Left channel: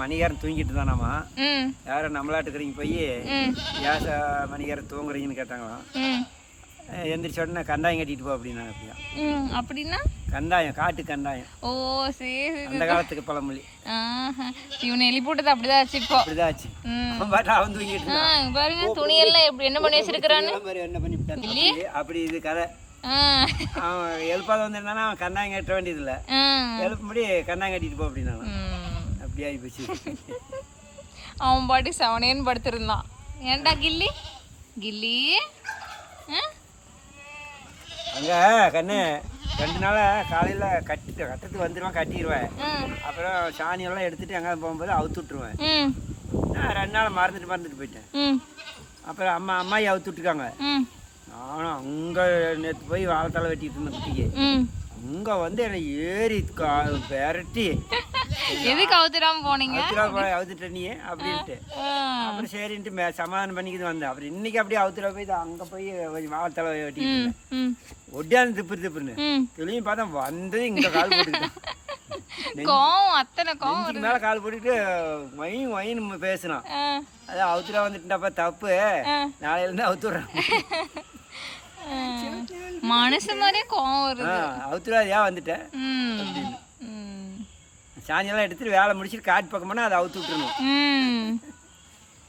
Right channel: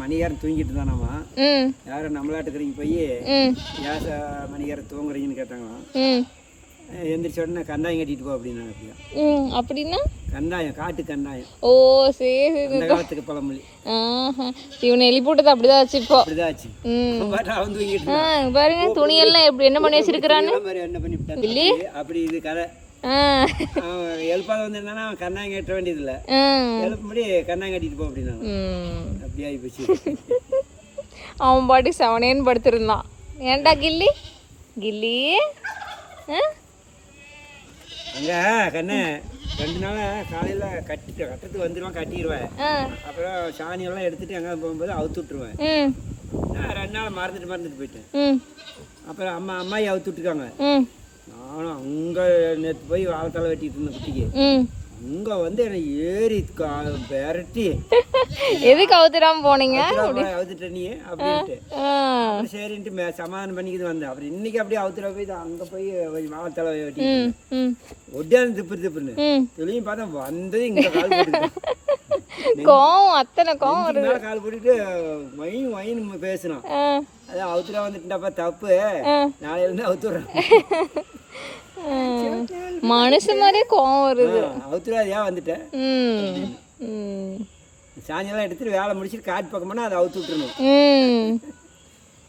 மணிகாரன் தூங்கிட்டு இருந்தானாமா. ம் யாரும் நம்மளாட்டுக்கிறீங்க போய் ம் ஏச மணிகாரன் தூங்குறீங்கன்னு கேட்டாங்களாம். ம் எந்திரிச்ச உடனே கந்தாயம் கட்டிட்டு போ அப்படின்னாங்க. அப்படியா ம் அப்படின்னா கந்தாயம், காட்டு கந்தாயம், ஓ சரி சரி. அந்த காலத்துக்கு பழமொழி. இவனை எழுப்பி போட்டது அப்படிதான் ஆச்சு இப்போ. அப்படிதான் ஆச்சு. ம் அவன் பாட்டு அவன் தூங்கிட்டு இருந்தான். பாருங்க துணியெல்லாம் எப்படி என்ன பண்ணி வச்சிருக்கிறான்னு. என்ன பண்ணி அப்படி இது கதை. அவன் எழுப்பாத வந்திருந்தானா அவன் கந்தாயம் கட்ட வேண்டியது இல்லை. எழுப்பும்படி கந்தாயம் கட்டிட்டு போ அப்படின்னாங்க. அப்படி ஆகி போச்சு. அவன் பாட்டி செவனேன்னு படுத்திருந்தான். ஏன்டா கில்லி கில்லி அங்கே கண்ணு 2 நாளா காலையில் கட்டத்துக்கு வந்துடுவேன், கட்டிடுவேன். அப்புறம் சாணியெல்லாம் எடுத்துட்டு எங்கே போகும்போது அவுத்து விட்டுருவேன். நான் 2 நாள் மறந்துட்டு போயிட்டேன். அப்புறம் அம்மாயி அவுத்து விட்டுருக்காங்க. நானும் அங்கே நேற்று போய் வாழைத்தலை வெட்டிட்டு இருந்தேன் குட்டிக்கு. அங்கே வந்து என்னை ஏறி விரட்டி எதுக்கு அவுத்துடாம போனீங்க? அவுத்துட்ட நீ அப்படின்ட்டு அப்புறம் சரின்ட்டு சமாதானம் பண்ணிக்கிட்டு வந்தேன். அப்புறம் இன்னைக்கு அப்படியே அவுத்துட போய் அங்கே போய் வாழைத்தலை வெட்டிட்டு ஒட்டியாந்து திப்புன்னு தெளியும் பார்த்தா வந்து இங்கே கால் போட்டுக்கிட்டேன். கோவம் அத்தனை கோவம் மேலே கால் போட்டுக்கிட்டு வயின்னு பேசினான். அதான் அவுத்துடா வந்துட்டுடாப்பா தப்பு, நாளையிலேருந்து அவுத்துடுறேன். மனுஷன் மாதிரியே கோவம் வருது. அவுத்துடா ஏன் வந்துட்டேன். சாணியெல்லாம் எடுத்துட்டு வேலை முடிச்சுட்டு காட்டு பக்கம் போனால் அதை அவுத்து விட்டுருணும்.